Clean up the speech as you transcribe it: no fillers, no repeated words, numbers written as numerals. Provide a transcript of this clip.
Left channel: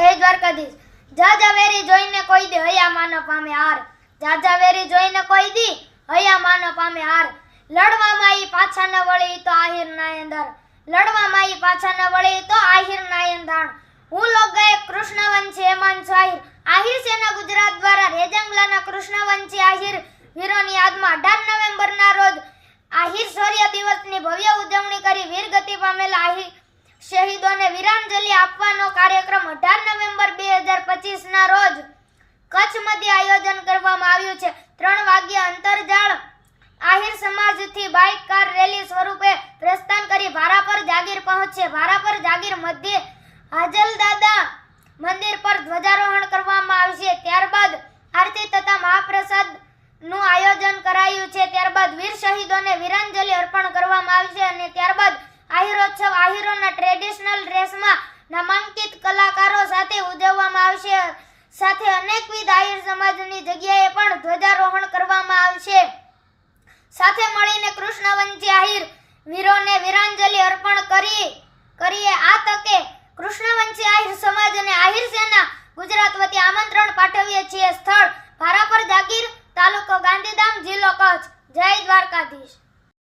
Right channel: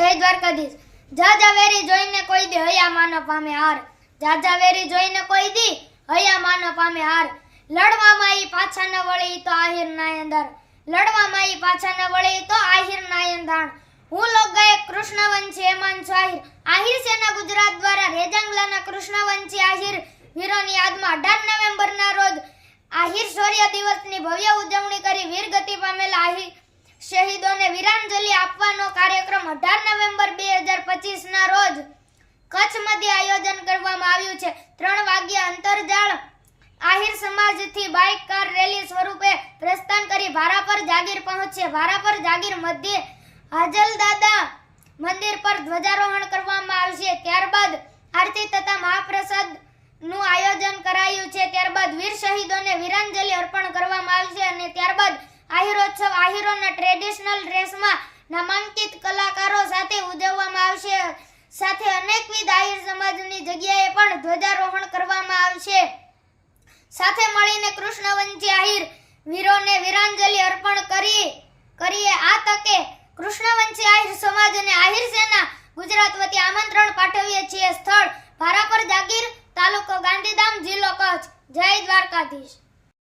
જય દ્વારકાધીશ। જાજા વેરી જોઈને કોઈ દી હૈયા માન પામે હાર, જાજા વેરી જોઈને કોઈ દી હૈયા માન પામે હાર। લડવામાં ઈ પાછા ન વળે તો આહિર ના અંદર, લડવામાં ઈ પાછા ન વળે તો આહિર ના અંધાણ। હું લોક ગાયક કૃષ્ણવંશી હેમાંગ શાહિર, આહિર સેના ગુજરાત દ્વારા રેજંગલાના કૃષ્ણવંશી આહિર વીરોની યાદમાં 18 નવેમ્બરના રોજ આહિર શૌર્ય દિવસની ભવ્ય ઉજવણી કરી વીરગતિ પામેલા આહિર શહીદોને વીરાંજલિ આપવાનો કાર્યક્રમ 18 નવેમ્બર 2025 ના રોજ કચ્છ મધ્ય આયોજન કરવામાં આવ્યું છે। 3 વાગ્યે Antarjal Ahir સમાજથી bike car rally સ્વરૂપે પ્રસ્થાન કરી ભારાપર જાગીર પહોંચશે। ભારાપર જાગીર મધ્યે હાજલદાદા મંદિર પર ધ્વજારોહણ કરવામાં આવશે। ત્યારબાદ આરતી તથા મહાપ્રસાદ નું આયોજન કરાયું છે। ત્યારબાદ વીર શહીદોને વીરાંજલિ અર્પણ કરવામાં આવશે અને ત્યારબાદ આહિરોત્સવ આહિરોના ટ્રેડિશનલ ડ્રેસમાં નામાંકિત કલાકારો સાથે ઉજવવામાં આવશે। સાથે અનેકવિધ આહિર સમાજની જગ્યાએ પણ ધ્વજારોહણ કરવામાં આવશે। સાથે મળીને કૃષ્ણવંશી આહિર વીરોને વીરાંજલિ અર્પણ કરીએ। આ તકે કૃષ્ણવંશી આહિર સમાજને આહિર સેના ગુજરાત વતી આમંત્રણ પાઠવીએ છીએ। સ્થળ ભારાપર જાગીર, તાલુકો ગાંધીધામ, જિલ્લો કચ્છ। જય દ્વારકાધીશ।